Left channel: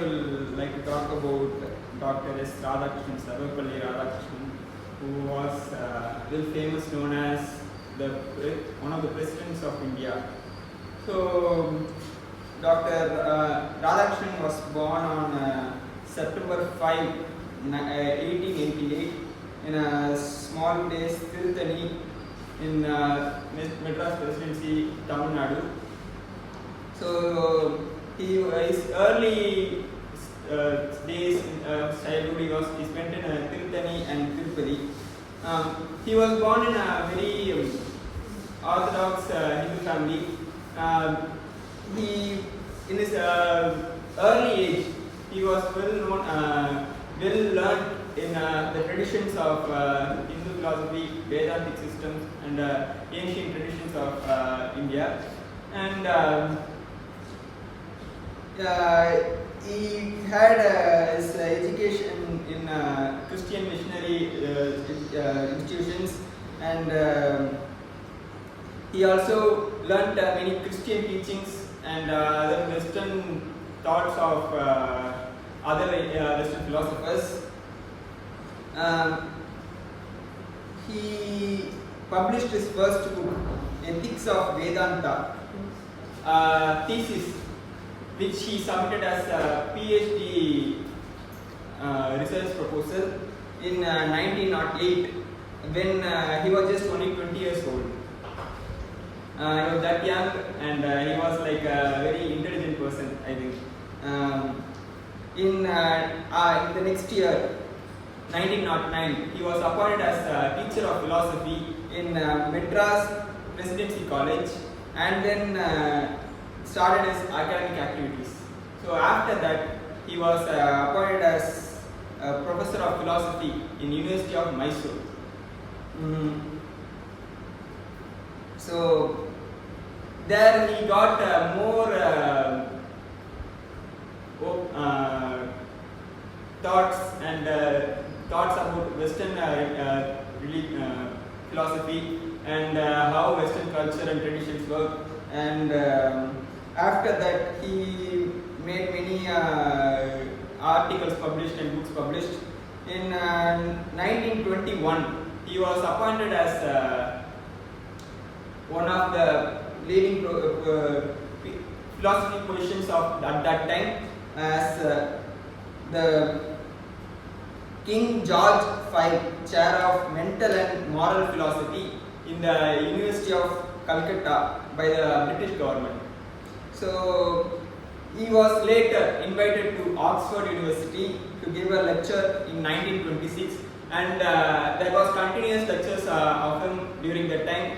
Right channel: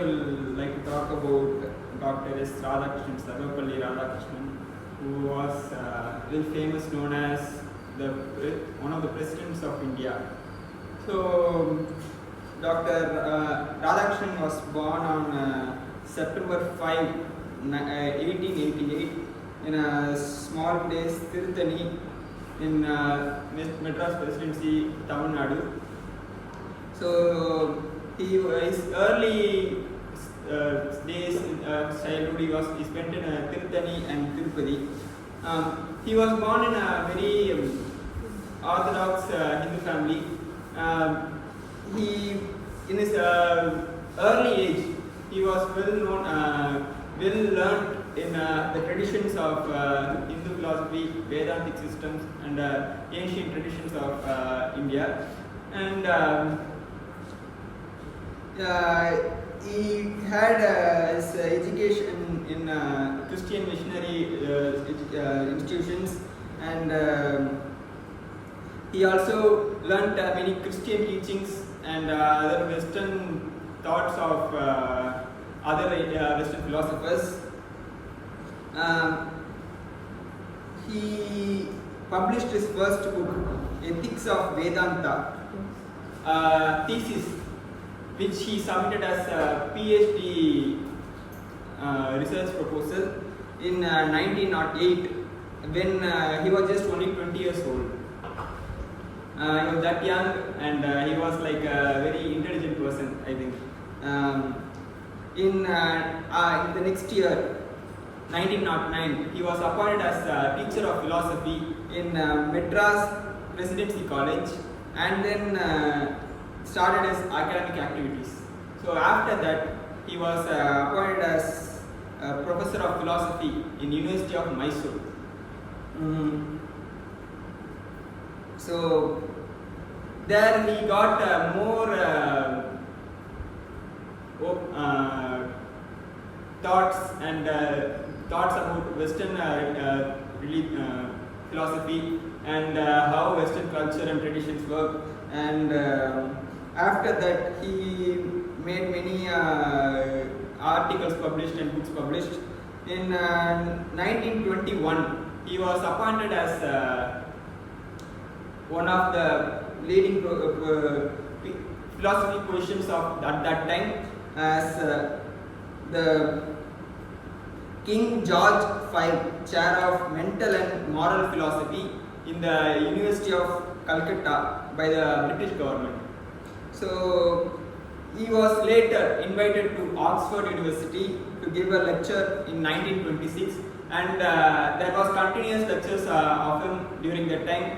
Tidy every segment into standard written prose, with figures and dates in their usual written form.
would like to talk about Dr. S. Radhakrishnan, Sarvepalli Radhakrishnan, who was well famous, known as one of the presidents of India. So, Dr. Radhakrishnan was born on September 5, 1888 in a small place, Tirthani, in Madras Presidency, Tamil Nadu. So, his early days in childhood he spent in Tirthani and Tirupati. He was born in a very orthodox Hindu family. He, in his early age, he was well known, well learned in the traditions of Hindu philosophy, Vedantic systems, and ancient traditions of India. And he had his education in Christian missionary institutions, and he also learnt many Christian teachings and other Western thoughts of other Western philosophers. He published his first book, Ethics of Vedanta, thesis, which he submitted as a PhD research proposal in 1908, when he was just only 20 years old. He was that young, and he was like a very intelligent person, I think. In the next year, 1909, he was appointed as a teacher of philosophy in Madras Presidency College, and then started his academic activities. So after that, he was appointed as a professor of philosophy in University of Mysore. So there he got more thoughts about Western philosophy and how Western culture and traditions work. And after that, he made many articles published and books published. In 1921, he was appointed as one of the leading philosophy positions of at that time, as the King George V Chair of Mental and Moral Philosophy in the University of Calcutta by the British government. So he was later invited to Oxford University to give a lecture in 1926, and there was continuous lectures of him during that time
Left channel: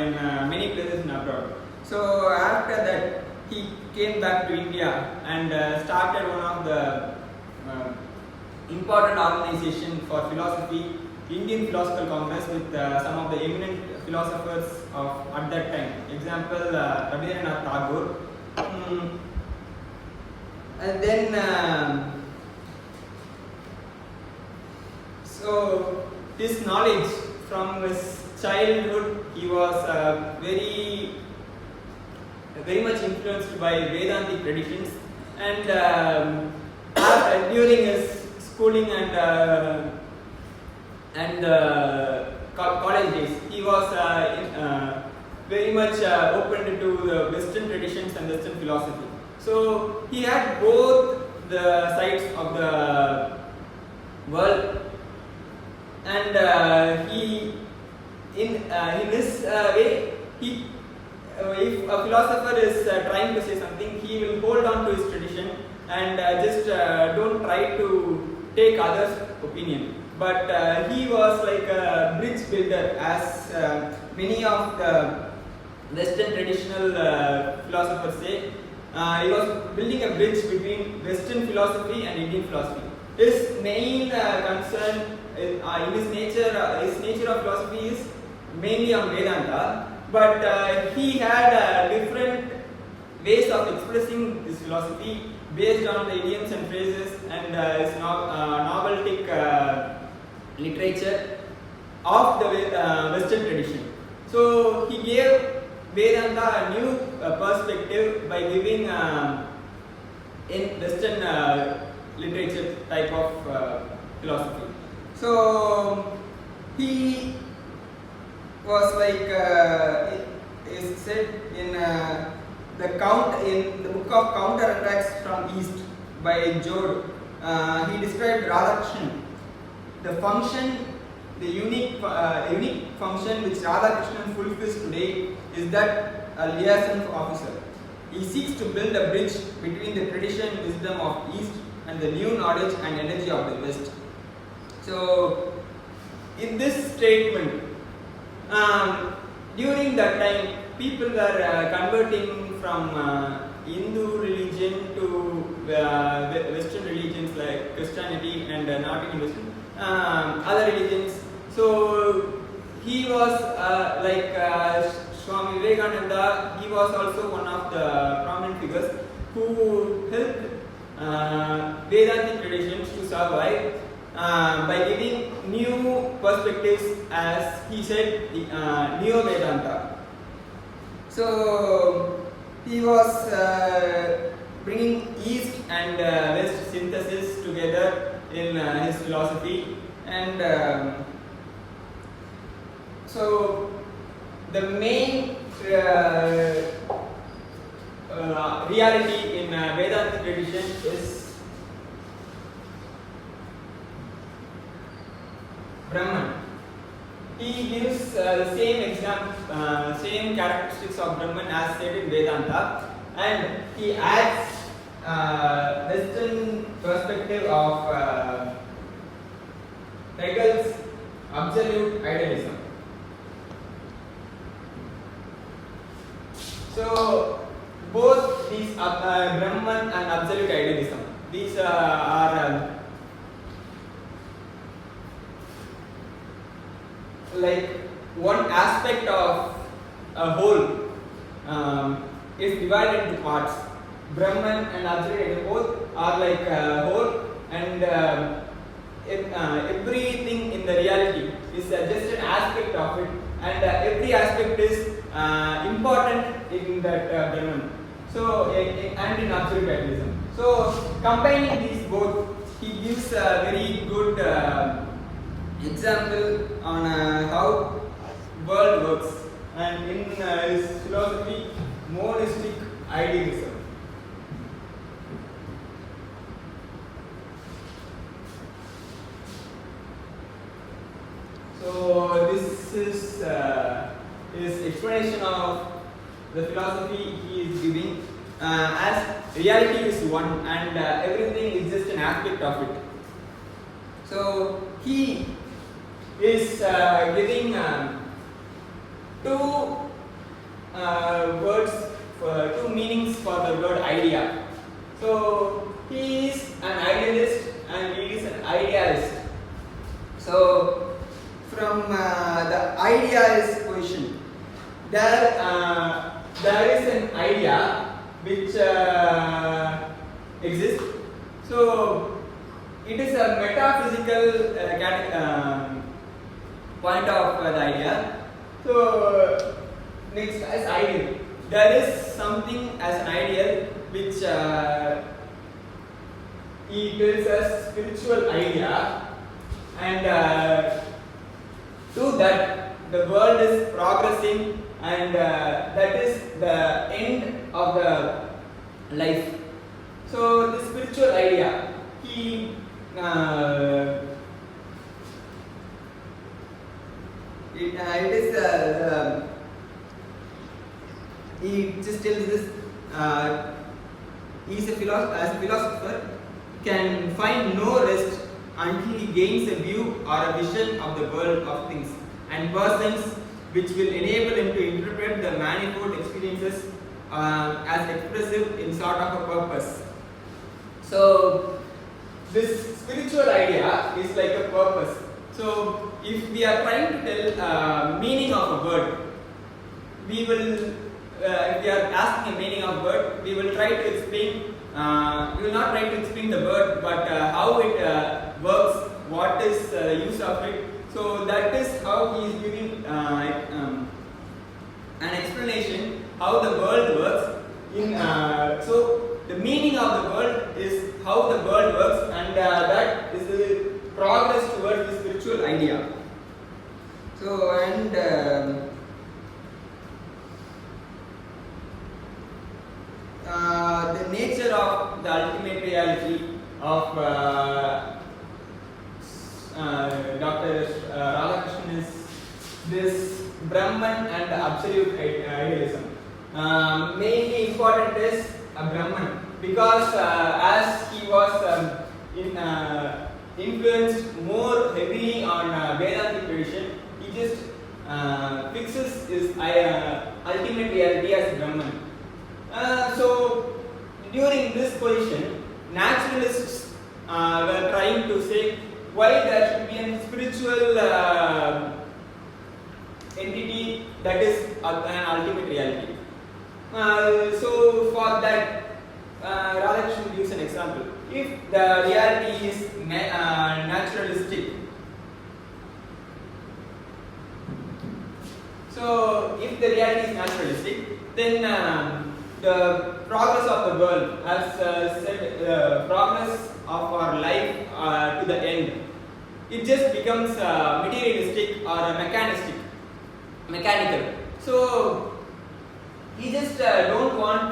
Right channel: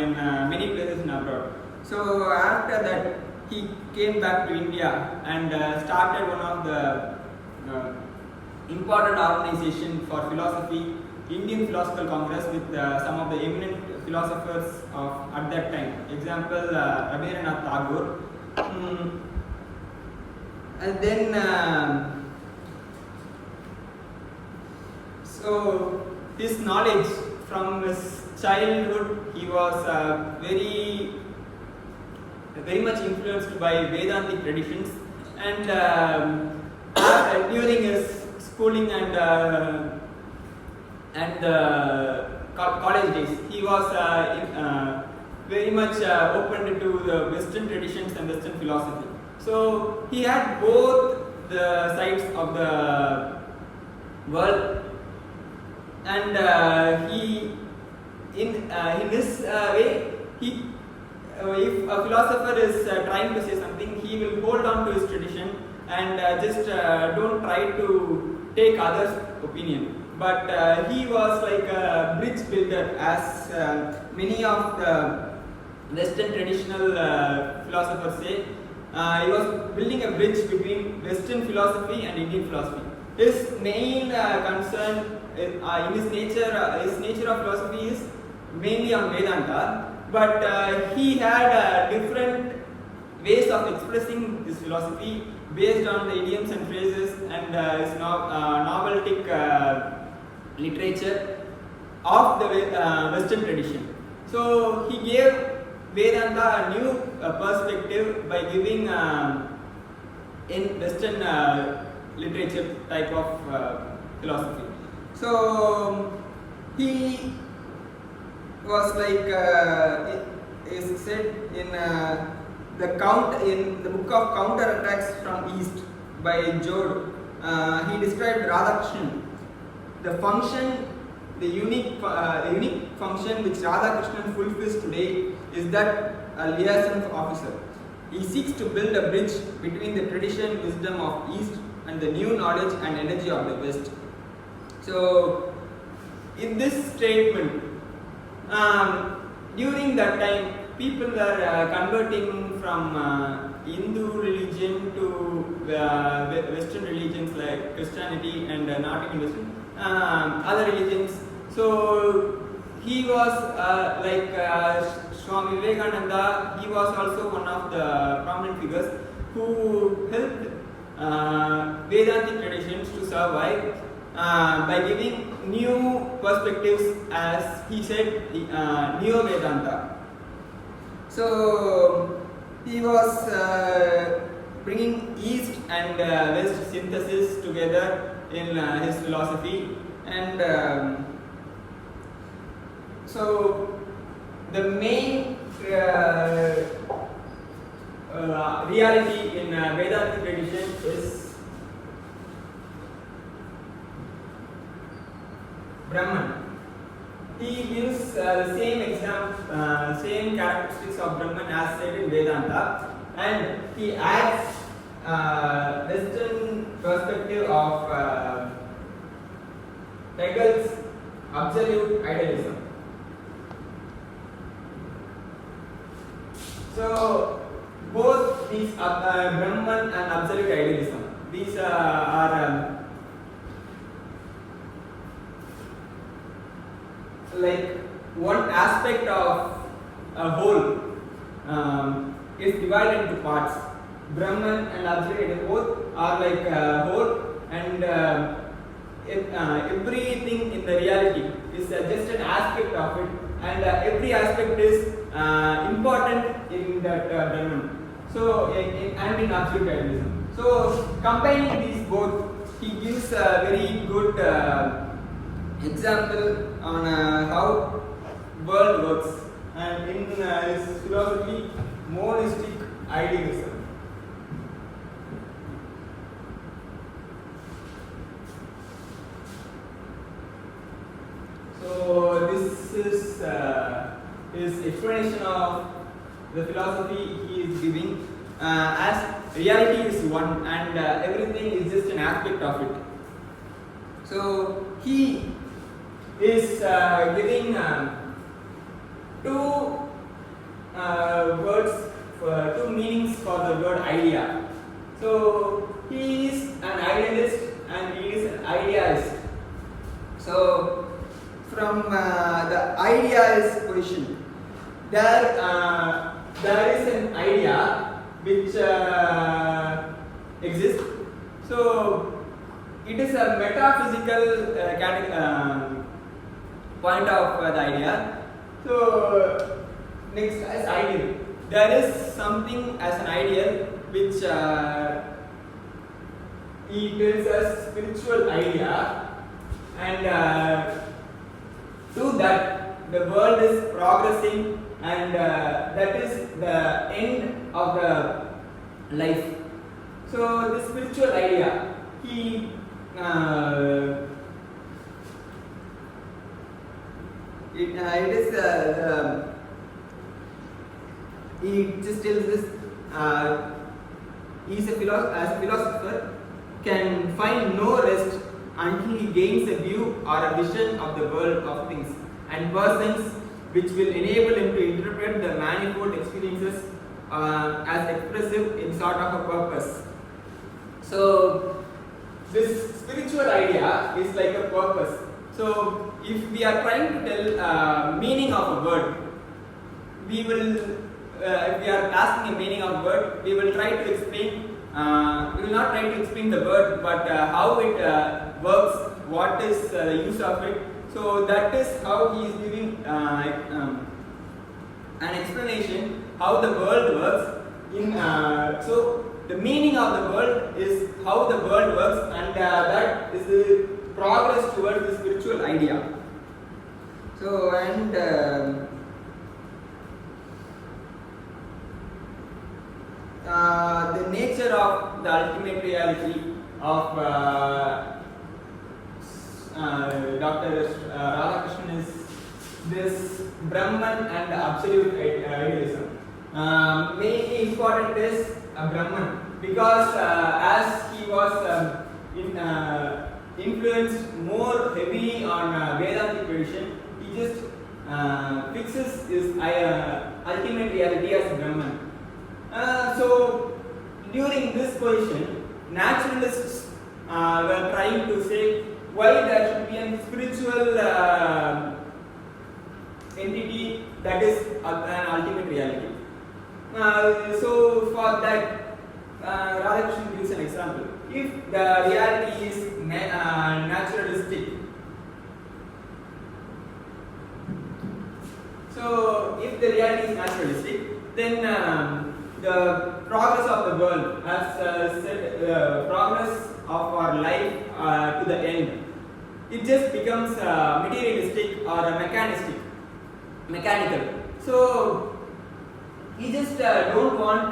in many places in abroad. So after that, he came back to India and started one of the important organization for philosophy, Indian Philosophical Congress, with some of the eminent philosophers of at that time. Example, Rabindranath Tagore. And then, so this knowledge from his childhood, he was very much influenced by Vedantic traditions, and during his schooling and college days, he was very much open to the Western traditions and Western philosophy. So he had both the sides of the world, and he in his way, if a philosopher is trying to say something, he will hold on to his tradition and just don't try to take others' opinion. But he was like a bridge builder, as many of the Western traditional philosophers say. He was building a bridge between Western philosophy and Indian philosophy. His main concern in his nature of philosophy is mainly on Vedanta, but he had different ways of expressing this philosophy based on the idioms and phrases and his noveltic literature of the Western tradition. So he gave Vedanta a new perspective by giving in Western literature type of philosophy. So he was like it is said in the book of Counterattacks from East by Jode. He described Radhakrishnan. The unique function which Radhakrishnan fulfills today is that a liaison officer. He seeks to build a bridge between the tradition wisdom of East and the new knowledge and energy of the West. So, in this statement, during that time, people were converting from Hindu religion to Western religions like Christianity and not even Western, other religions. So he was like Swami Vivekananda. He was also one of the prominent figures who helped Vedantic traditions to survive by giving new perspectives, as he said, Neo Vedanta. So he was bringing East and West synthesis together in his philosophy, and so the main reality in Vedantic tradition is Brahman. He gives the same characteristics of Brahman as said in Vedanta, and he adds Western perspective of Hegel's absolute idealism. So both these Brahman and absolute idealism, these are like one aspect of a whole is divided into parts. Brahman and absolute idealism both are like a whole, and everything in the reality is just an aspect of it, and every aspect is important in that Brahman. So and in absolute idealism. So combining these both, he gives a very good example on how world works, and in his philosophy, monistic idealism. So this is his explanation of the philosophy he is giving, as reality is one and everything is just an aspect of it. So he is giving two words, two meanings for the word idea. So he is an idealist and he is an idealist. So from the idealist position, there is an idea which exists. So it is a metaphysical point of the idea. So next is ideal. There is something as an ideal which he tells us spiritual idea, and to that the world is progressing, and that is the end of the life. So the spiritual idea, he he just tells this, he is a philosopher can find no rest until he gains a view or a vision of the world of things and persons which will enable him to interpret the manifold experiences as expressive in sort of a purpose. So this spiritual idea is like a purpose. So if we are trying to tell meaning of a word, we will if we are asking a meaning of a word, we will try to explain. We will not try to explain the word, but how it works, what is the use of it. So that is how he is giving an explanation how the world works. So the meaning of the world is how the world works, and that is the progress towards the spiritual idea. So the nature of the ultimate reality of Dr. Radhakrishnan is this Brahman and absolute idealism. Mainly important is Brahman, because as he was influenced more heavily on Vedantic tradition, he just fixes his ultimate reality as Brahman. So during this position, naturalists were trying to say why there should be a spiritual entity that is an ultimate reality. So for that, Radhakrishnan gives an example. If the reality is naturalistic, so if the reality is naturalistic, then the progress of the world, as said, the progress of our life to the end, it just becomes materialistic or mechanical. So he just don't want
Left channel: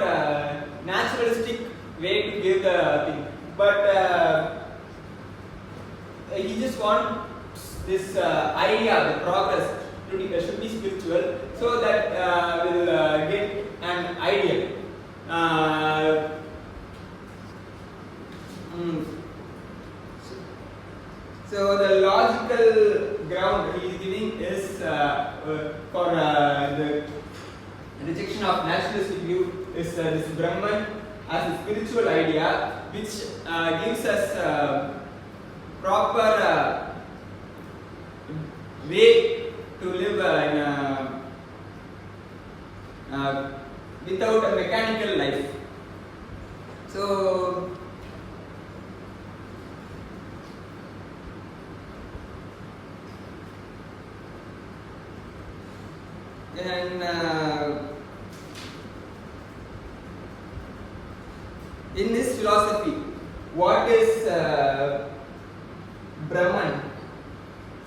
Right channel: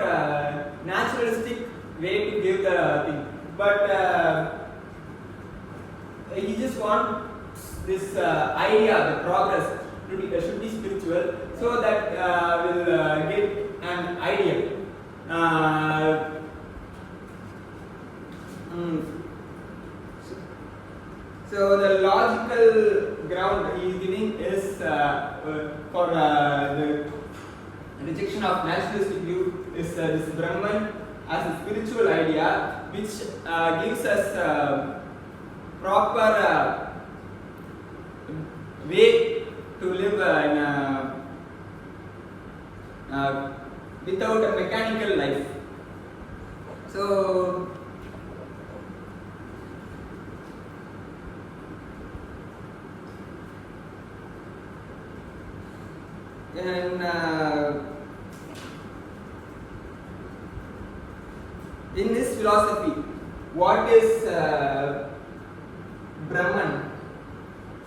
naturalistic way to give the thing, but he just wants this idea, the progress should be spiritual, so that will get an ideal. So the logical ground he is giving is for the rejection of naturalistic view is this Brahman as a spiritual idea, which gives us proper way to live without a mechanical life. So and in this philosophy, what is Brahman?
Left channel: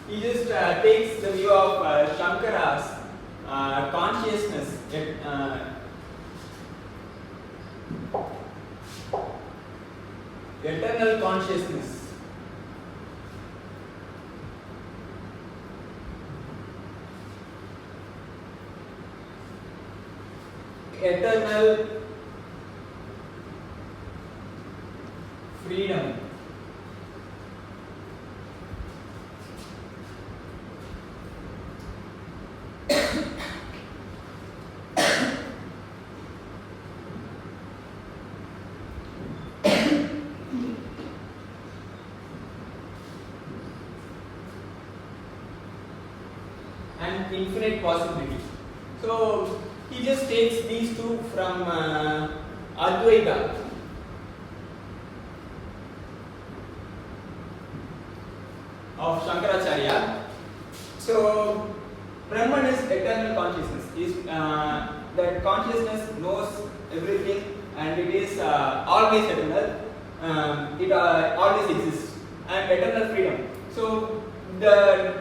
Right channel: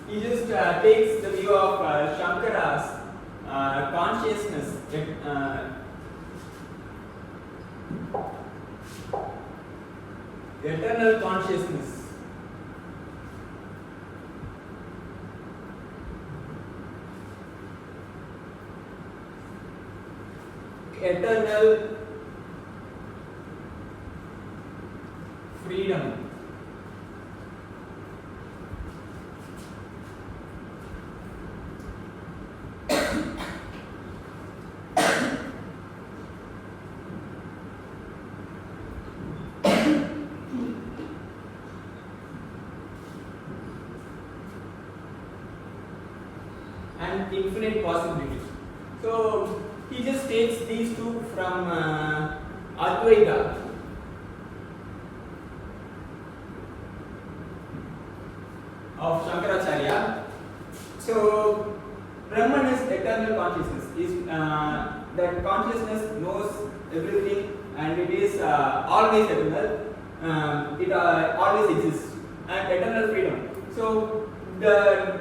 He just takes the view of Shankara's consciousness, eternal consciousness. Eternal freedom. And infinite possibilities. So he just takes these two from Advaita. Of Shankaracharya. So Brahman is eternal consciousness. That consciousness knows everything, and it is always eternal. It always exists, and eternal freedom. So the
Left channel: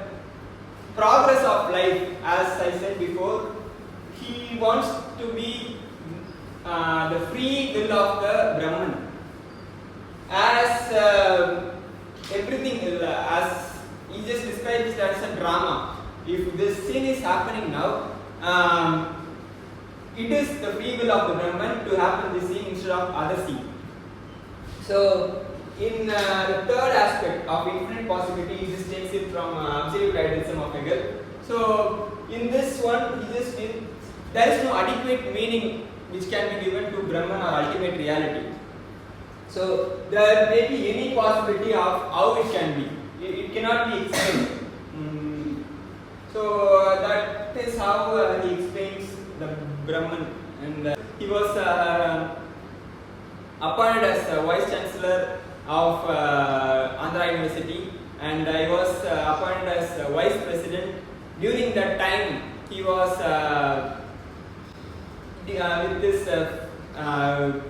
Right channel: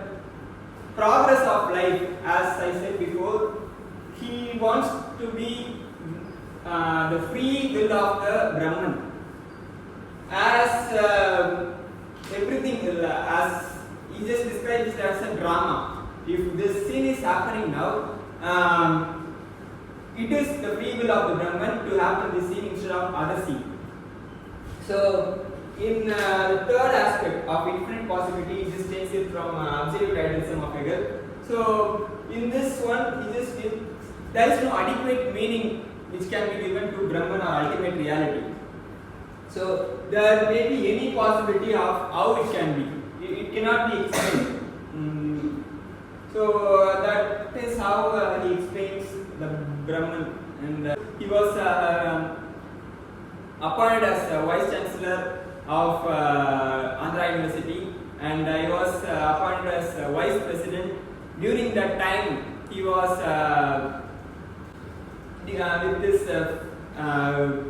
progress of life, as I said before, he wants to be the free will of the Brahman. As everything is, as he just describes it as a drama. If this scene is happening now, it is the free will of the Brahman to happen this scene instead of other scene. So in the third aspect of infinite possibility, he just takes it from absolute idealism of Hegel. So in this one, he just there is no adequate meaning which can be given to Brahman or ultimate reality. So there may be any possibility of how it can be. It cannot be explained. So that is how he explains the Brahman. And he was appointed as Vice Chancellor of Andhra University, and he was appointed as Vice President. During that time, he was with this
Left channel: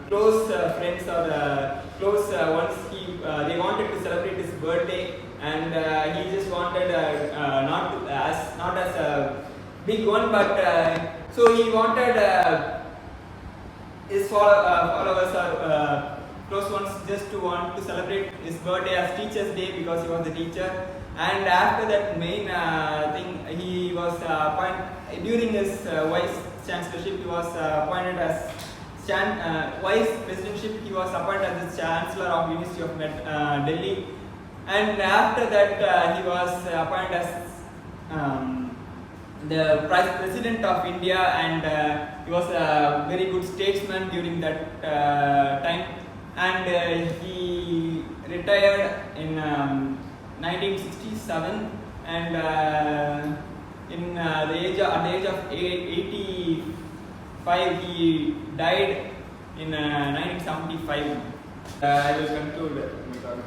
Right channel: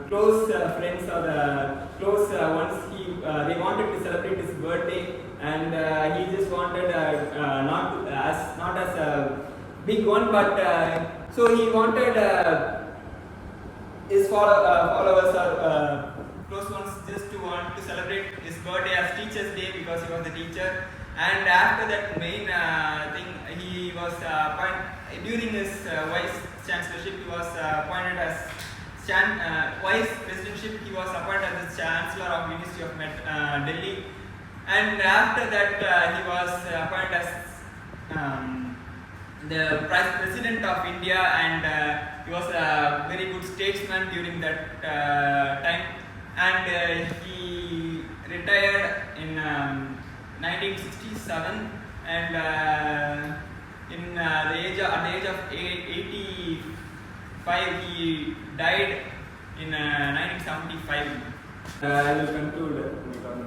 close friends or close ones. They wanted to celebrate his birthday, and he just wanted not as a big one, but so he wanted his followers or close ones just to want to celebrate his birthday as Teacher's Day because he was the teacher. And after that main thing, he was during his vice chancellorship, he was appointed as vice presidentship. He was appointed as the chancellor of University of Delhi, and after that he was appointed as the president of India, and he was a very good statesman during that time, and he retired in 1967, and at the age of 85 he died in 1975. I will conclude my talk.